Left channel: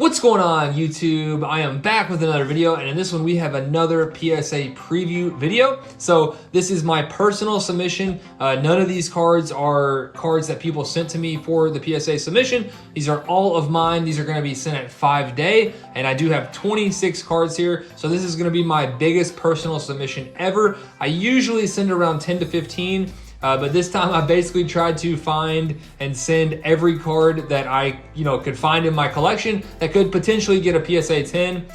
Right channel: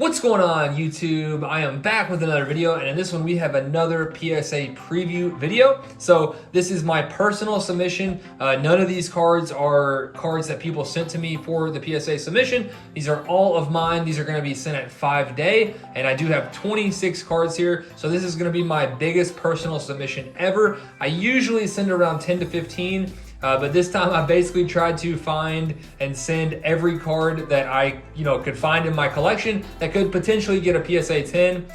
What's going on, YouTube? I am back with another video, and in this one we have another PSA preview video. So this is my personal submission. None of these cards are cards that people sent to me for the PSA submission. These are all of mine. These are going to be sent at 5-day, and I do have 26 cards here. So this is going to be my biggest personal submission ever. I usually send around 10 to 15. But this time I basically tried to find and send every card that I could find in my collection that could potentially get a PSA 10.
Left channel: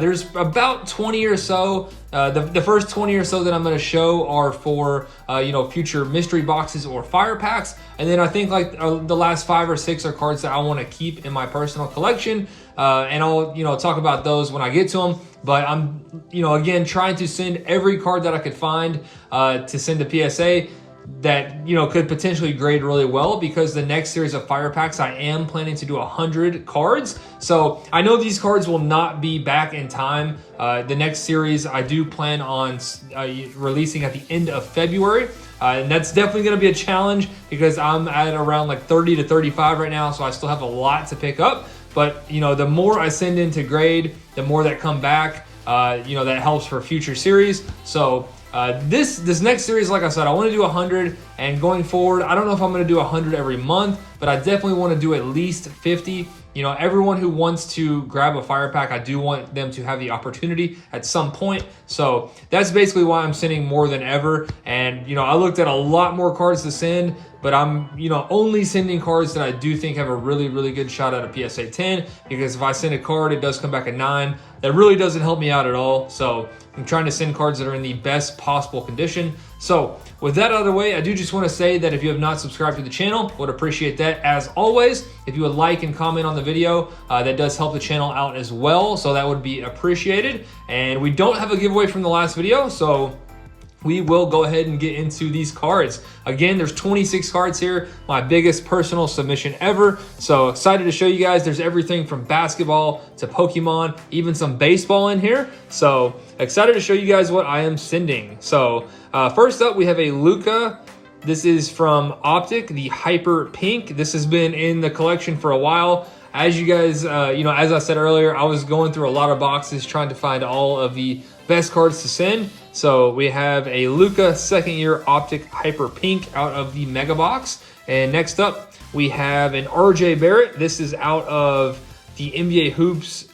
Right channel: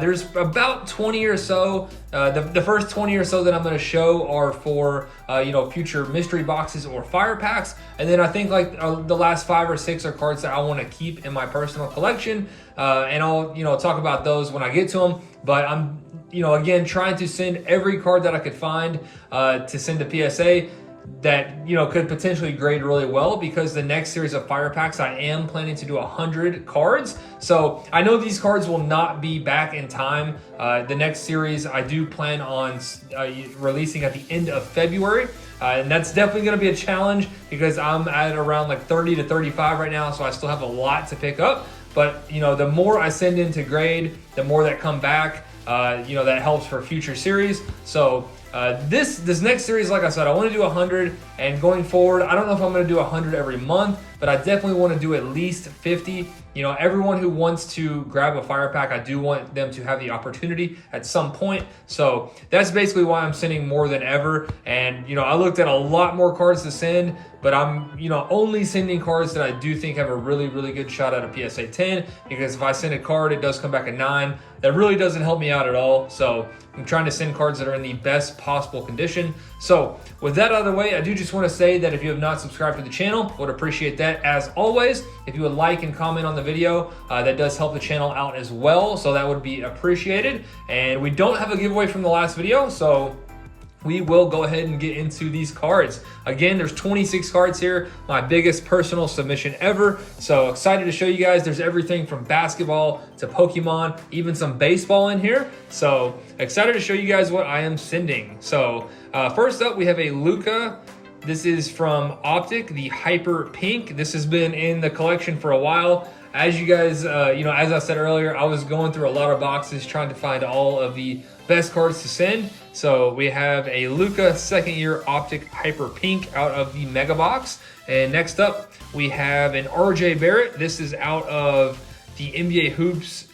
There's about 20 or so. The first 20 or so that I'm going to show are for future mystery boxes or fire packs, and then I think the last 5 or 6 are cards that I want to keep in my personal collection. And I'll talk about those when I get to them. But I'm again trying to send every card that I could find to send to PSA that could potentially grade really well, because the next series of fire packs I am planning to do 100 cards. So I know these cards will not be back in time. The next series I do plan on releasing at the end of February. And that's definitely going to be a challenge because I'm at around like 30 to 35 right now, so I still have a lot to pick up. But the more I send in to grade, the more that come back. That helps for future series. So this next series, like I said, I want to do 100, and going forward, I don't know if I'm going to do 100 every month, but I definitely want to do at least 50. Everyone who wants to grab a fire pack, I do want them to have the opportunity at some point. So that's basically why I'm sending more than ever. And I looked at a lot more cards to send, but I'm only sending cards that I do think have a really good shot at a PSA 10, because if I send a card, it does come back a 9. That really doesn't help me out at all. So I'm trying to send cards that are in the best possible condition. So with that out of the way, I do just want to say that if you have not subscribed to the channel, would appreciate that as always. If you would like and comment on the video, that does help the channel out as well. So that would be appreciated. And we don't have a giveaway from the last video, so we will go ahead and get into these cards. Again, there's 26 cards here, my biggest personal submission ever. So excited to show you guys. There's everything from basketball to Pokemon, even some baseball in here. So excited to show you guys what I am sending. So first up, we have a Luka. This is from Optic, the Hyper Pink. This has been in the collection for a while. As you guys, as I said earlier, I was going through a lot of boxes trying to find all of the best cards to send. So we have a Luka second year Optic Hyper Pink out of the Mega Box. And next up, we have an RJ Barrett. This is out of the NBA Hoops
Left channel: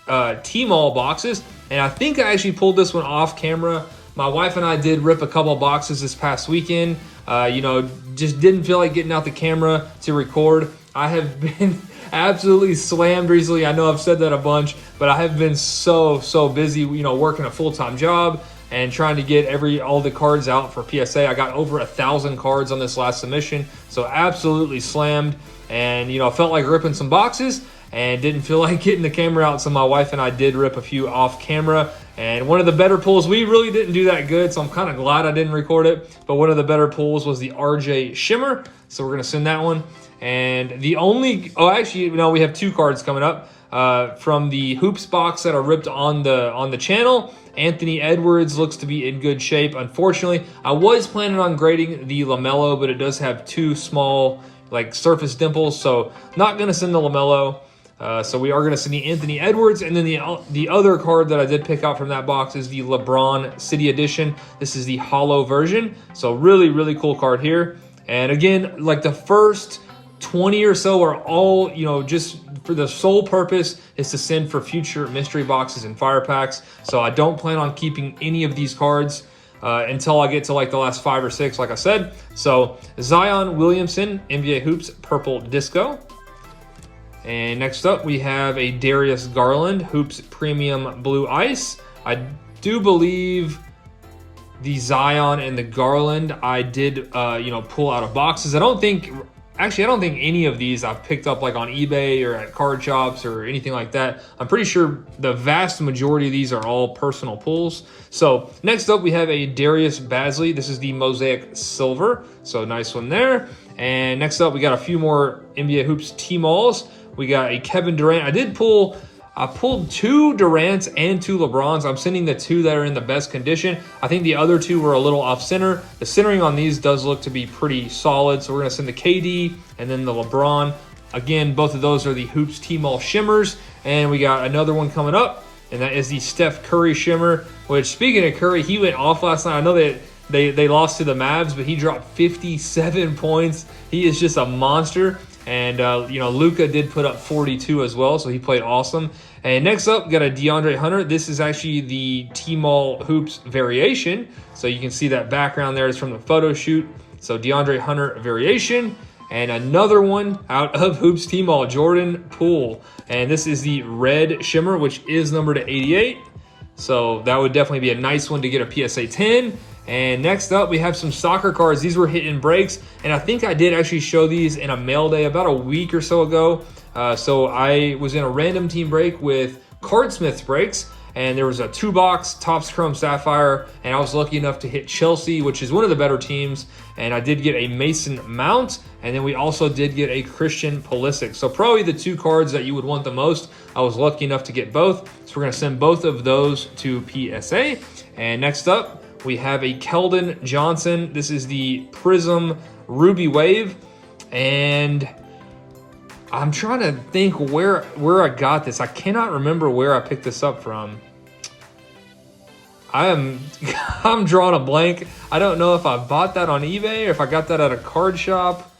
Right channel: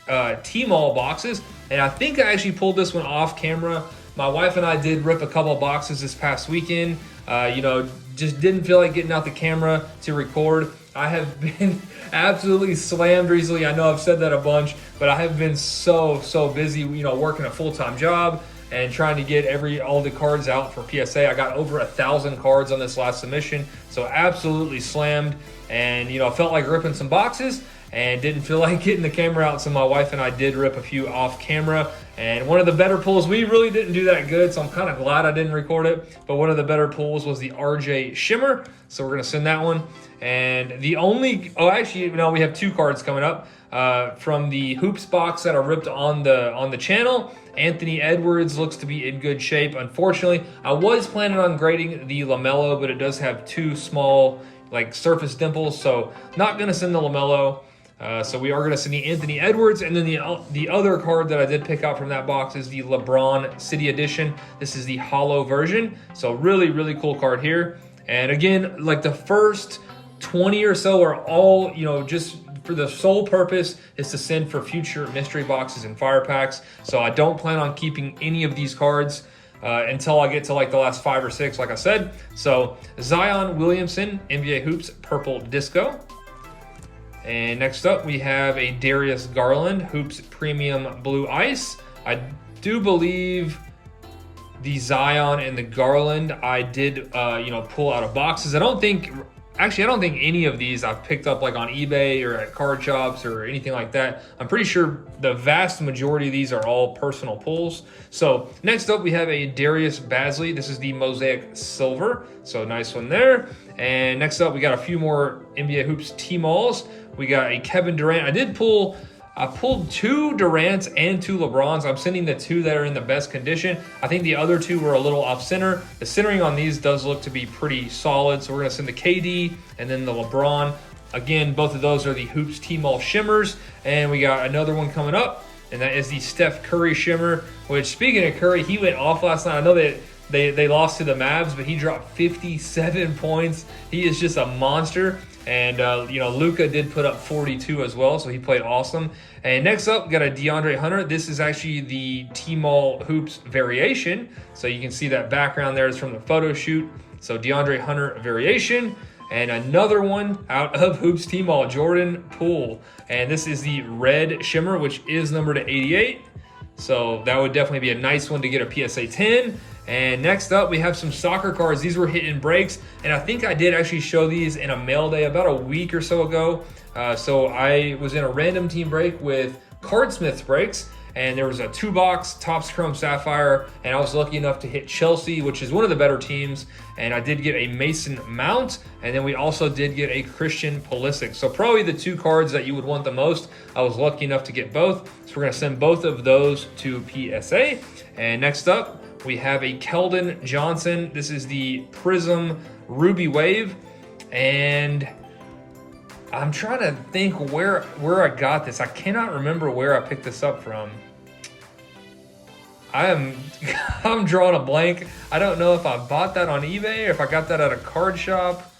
T-Mall boxes. And I think I actually pulled this one off camera. My wife and I did rip a couple of boxes this past weekend. Just didn't feel like getting out the camera to record. I have been absolutely slammed recently. I know I've said that a bunch, but I have been so busy, working a full-time job and trying to get all the cards out for PSA. I got over 1,000 cards on this last submission, so absolutely slammed. And felt like ripping some boxes and didn't feel like getting the camera out, so my wife and I did rip a few off camera. And one of the better pulls, we really didn't do that good, so I'm kind of glad I didn't record it, but one of the better pulls was the RJ Shimmer, so we're going to send that one. And the only, we have 2 cards coming up from the Hoops box that are ripped on the channel. Anthony Edwards looks to be in good shape. Unfortunately, I was planning on grading the LaMelo, but it does have 2 small surface dimples, so not going to send the LaMelo. So we are going to send the Anthony Edwards, and then the other card that I did pick out from that box is the LeBron City Edition. This is the hollow version, so really cool card here. And again, the first 20 or so are all, just for the sole purpose is to send for future mystery boxes and fire packs. So I don't plan on keeping any of these cards until I get to the last 5 or 6, like I said. So Zion Williamson, NBA Hoops Purple Disco. And next up, we have a Darius Garland Hoops Premium Blue Ice. I do believe the Zion and the Garland I did, pull out of boxes. I don't think any of these I've picked up on eBay or at card shops or anything like that. I'm pretty sure the vast majority of these are all personal pulls. So next up, we have a Darius Bazley. This is the Mosaic Silver, so nice one there. And next up, we got a few more NBA Hoops T-Malls. We got a Kevin Durant. I pulled 2 Durants and 2 LeBrons. I'm sending the 2 that are in the best condition. I think the other 2 were a little off center. The centering on these does look to be pretty solid, so we're going to send the KD and then the LeBron. Again, both of those are the Hoops T-Mall Shimmers. And we got another one coming up, and that is the Steph Curry Shimmer, which, speaking of Curry, he went off last night. I know that they lost to the Mavs, but he dropped 57 points. He is just a monster. And, Luka did put up 42 as well, so he played awesome. And next up, we got a DeAndre Hunter. This is actually the T-Mall Hoops variation. So you can see that background there is from the photo shoot. So DeAndre Hunter variation. And another one out of Hoops T-Mall, Jordan Poole. And this is the red shimmer, which is numbered to 88. So that would definitely be a nice one to get a PSA 10. And next up, we have some soccer cards. These were hitting breaks, and I think I did actually show these in a mail day about a week or so ago. So I was in a random team break with Cardsmiths breaks, and there was a 2-box Topps Chrome Sapphire, and I was lucky enough to hit Chelsea, which is one of the better teams, and I did get a Mason Mount, and then we also did get a Christian Pulisic. So probably the 2 cards that you would want the most. I was lucky enough to get both, so we're going to send both of those to PSA. And next up, we have a Keldon Johnson. This is the Prism Ruby Wave, and I'm trying to think where I got this. I cannot remember where I picked this up from. I'm drawing a blank. I don't know if I bought that on eBay or if I got that at a card shop.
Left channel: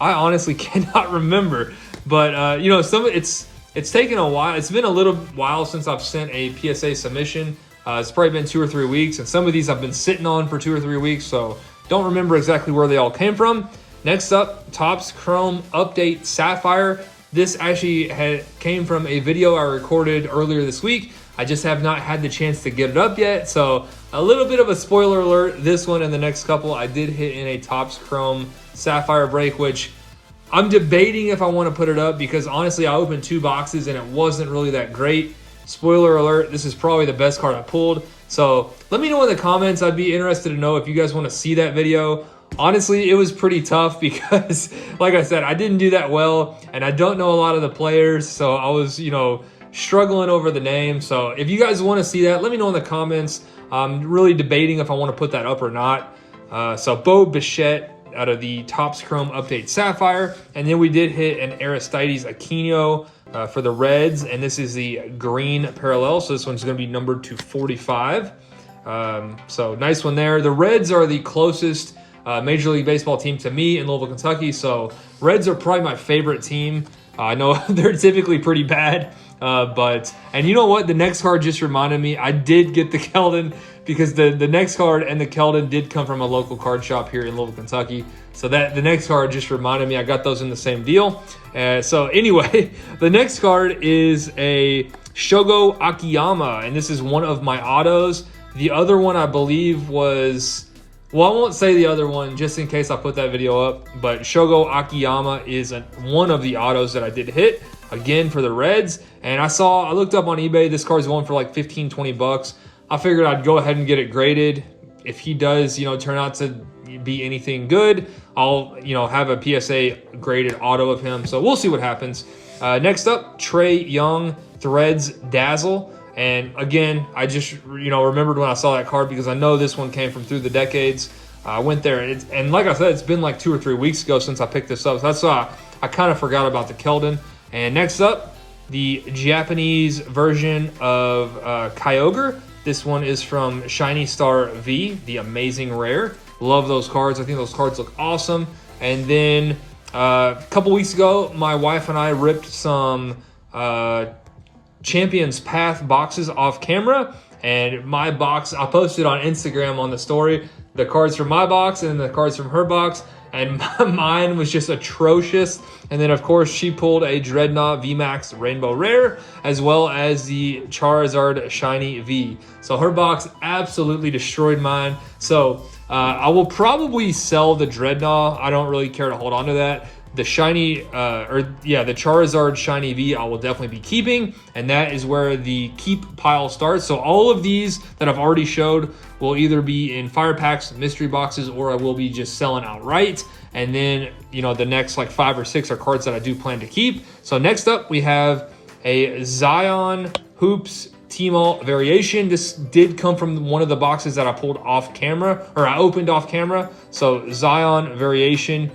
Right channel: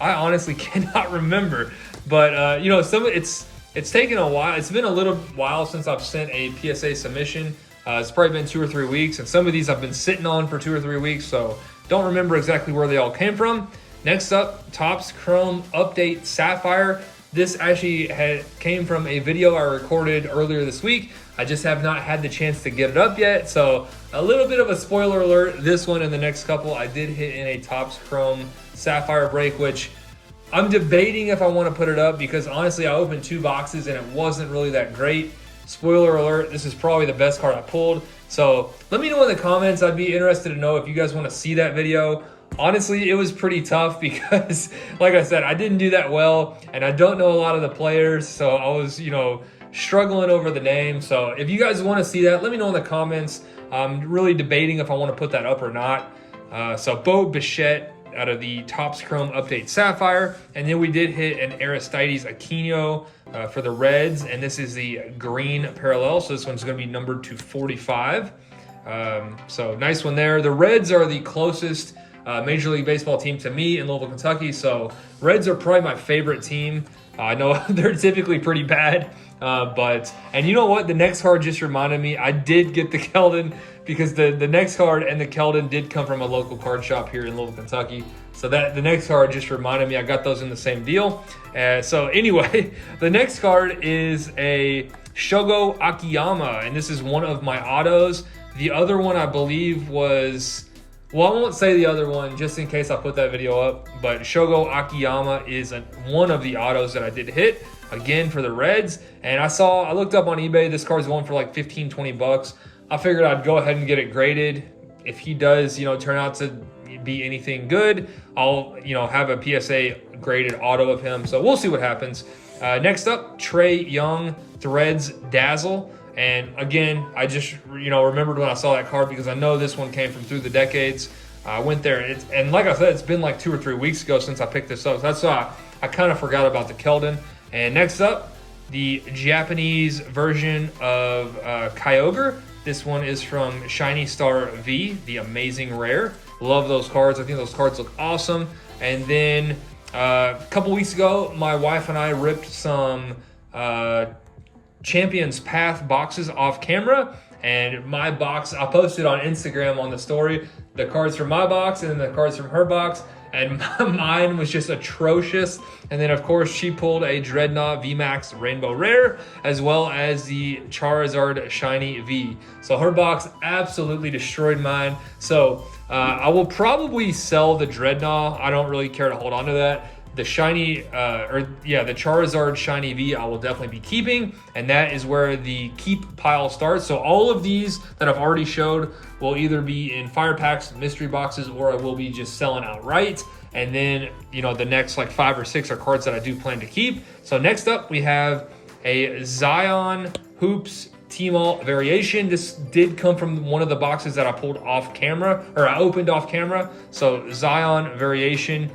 I honestly cannot remember. But it's taken a while. It's been a little while since I've sent a PSA submission. It's probably been 2 or 3 weeks, and some of these I've been sitting on for 2 or 3 weeks, so don't remember exactly where they all came from. Next up, Topps Chrome Update Sapphire. This actually came from a video I recorded earlier this week. I just have not had the chance to get it up yet, so a little bit of a spoiler alert. This one and the next couple I did hit in a Topps Chrome Sapphire break, which I'm debating if I want to put it up because honestly I opened 2 boxes and it wasn't really that great. Spoiler alert, this is probably the best card I pulled. So let me know in the comments. I'd be interested to know if you guys want to see that video. Honestly, it was pretty tough because, like I said, I didn't do that well, and I don't know a lot of the players, so I was, struggling over the name. So if you guys want to see that, let me know in the comments. I'm really debating if I want to put that up or not. So Bo Bichette out of the Topps Chrome Update Sapphire, and then we did hit an Aristides Aquino for the Reds, and this is the green parallel, so this one's going to be numbered to 45. So nice one there. The Reds are the closest Major League Baseball team to me in Louisville, Kentucky, so Reds are probably my favorite team. I know they're typically pretty bad, and you know what? The next card just reminded me, I did get the Keldon because the next card and the Keldon did come from a local card shop here in Louisville, Kentucky. So that the next card just reminded me I got those in the same deal. So anyway, the next card is a Shogo Akiyama, and this is one of my autos. The other one I believe was, well, I won't say the other one just in case I put that video up, but Shogo Akiyama is one of the autos that I did hit, again for the Reds. And I looked up on eBay, this card's going for like 15, 20 bucks. I figured I'd go ahead and get it graded. If he does, turn out to be anything good, I'll, have a PSA graded auto of him. So we'll see what happens. Next up, Trey Young Threads Dazzle. And again, I just, remembered when I saw that card because I know this one came from Through the Decades. I went there, and like I said, it's been like 2 or 3 weeks ago since I picked this up. So that's why I kind of forgot about the Keldon. And next up, the Japanese version of Kyogre. This one is from Shiny Star V, the Amazing Rare. Love those cards. I think those cards look awesome. And then a couple weeks ago, my wife and I ripped some Champions Path boxes off camera, and my box, I posted on Instagram on the story, the cards from my box and then the cards from her box, and mine was just atrocious. And then of course she pulled a Dreadnought VMAX Rainbow Rare, as well as the Charizard Shiny V. So her box absolutely destroyed mine. So I will probably sell the Dreadnought. I don't really care to hold on to that. The the Charizard Shiny V I will definitely be keeping, and that is where the keep pile starts. So all of these that I've already showed will either be in fire packs, mystery boxes, or I will be just selling outright. And then, the next like 5 or 6 are cards that I do plan to keep. So next up, we have a Zion Hoops T-Mall variation. This did come from one of the boxes that I pulled off camera, or I opened off camera. So Zion variation.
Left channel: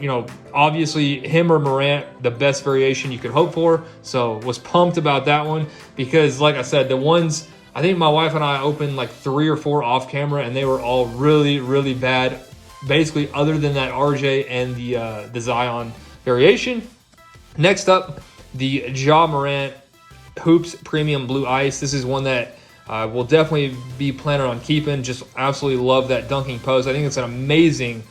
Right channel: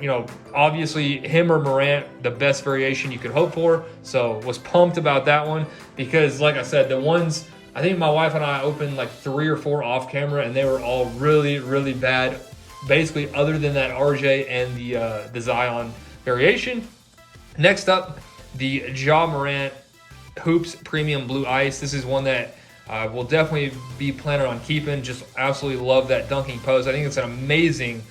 You know, obviously him or Morant, the best variation you could hope for. So was pumped about that one because, like I said, the ones, I think my wife and I opened like 3 or 4 off camera, and they were all really, really bad. Basically, other than that RJ and the Zion variation. Next up, the Ja Morant Hoops Premium Blue Ice. This is one that we'll definitely be planning on keeping. Just absolutely love that dunking pose. I think it's an amazing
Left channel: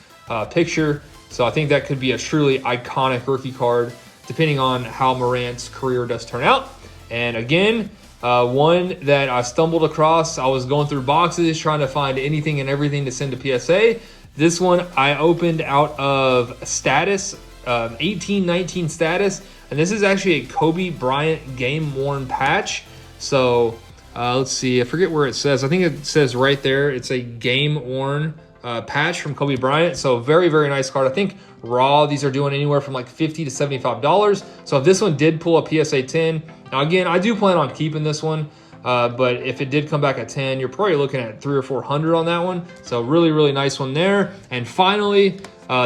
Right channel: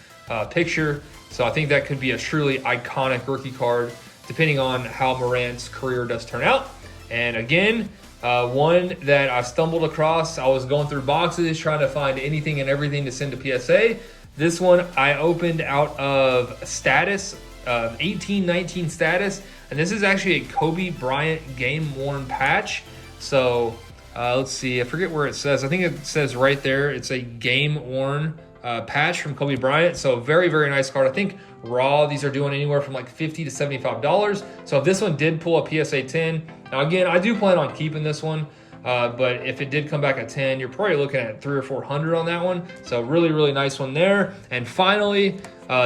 picture. So I think that could be a truly iconic rookie card, depending on how Morant's career does turn out. And again, one that I stumbled across. I was going through boxes trying to find anything and everything to send to PSA. This one I opened out of status, 18-19 status. And this is actually a Kobe Bryant game-worn patch. So let's see, I forget where it says. I think it says right there, it's a game-worn patch from Kobe Bryant. So very, very nice card. I think raw, these are doing anywhere from like $50 to $75. So if this one did pull a PSA 10, now again, I do plan on keeping this one. But if it did come back at 10, you're probably looking at 300 or 400 on that one. So really, really nice one there. And finally,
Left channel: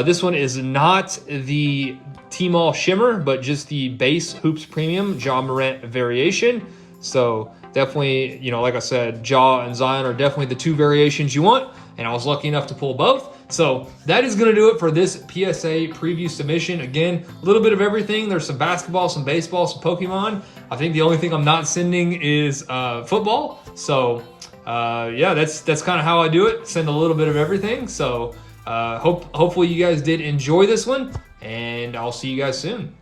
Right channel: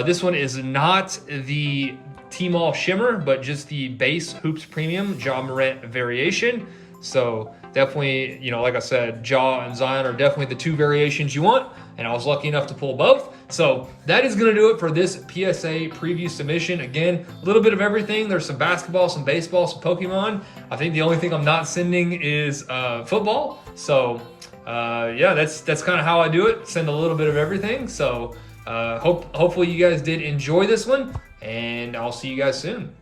this one is not the T-Mall Shimmer, but just the base Hoops Premium Ja Morant variation. So definitely, you know, like I said, Ja and Zion are definitely the 2 variations you want, and I was lucky enough to pull both. So that is going to do it for this PSA preview submission. Again, a little bit of everything. There's some basketball, some baseball, some Pokemon. I think the only thing I'm not sending is football. So yeah, that's kind of how I do it. Send a little bit of everything. So hopefully you guys did enjoy this one, and I'll see you guys soon.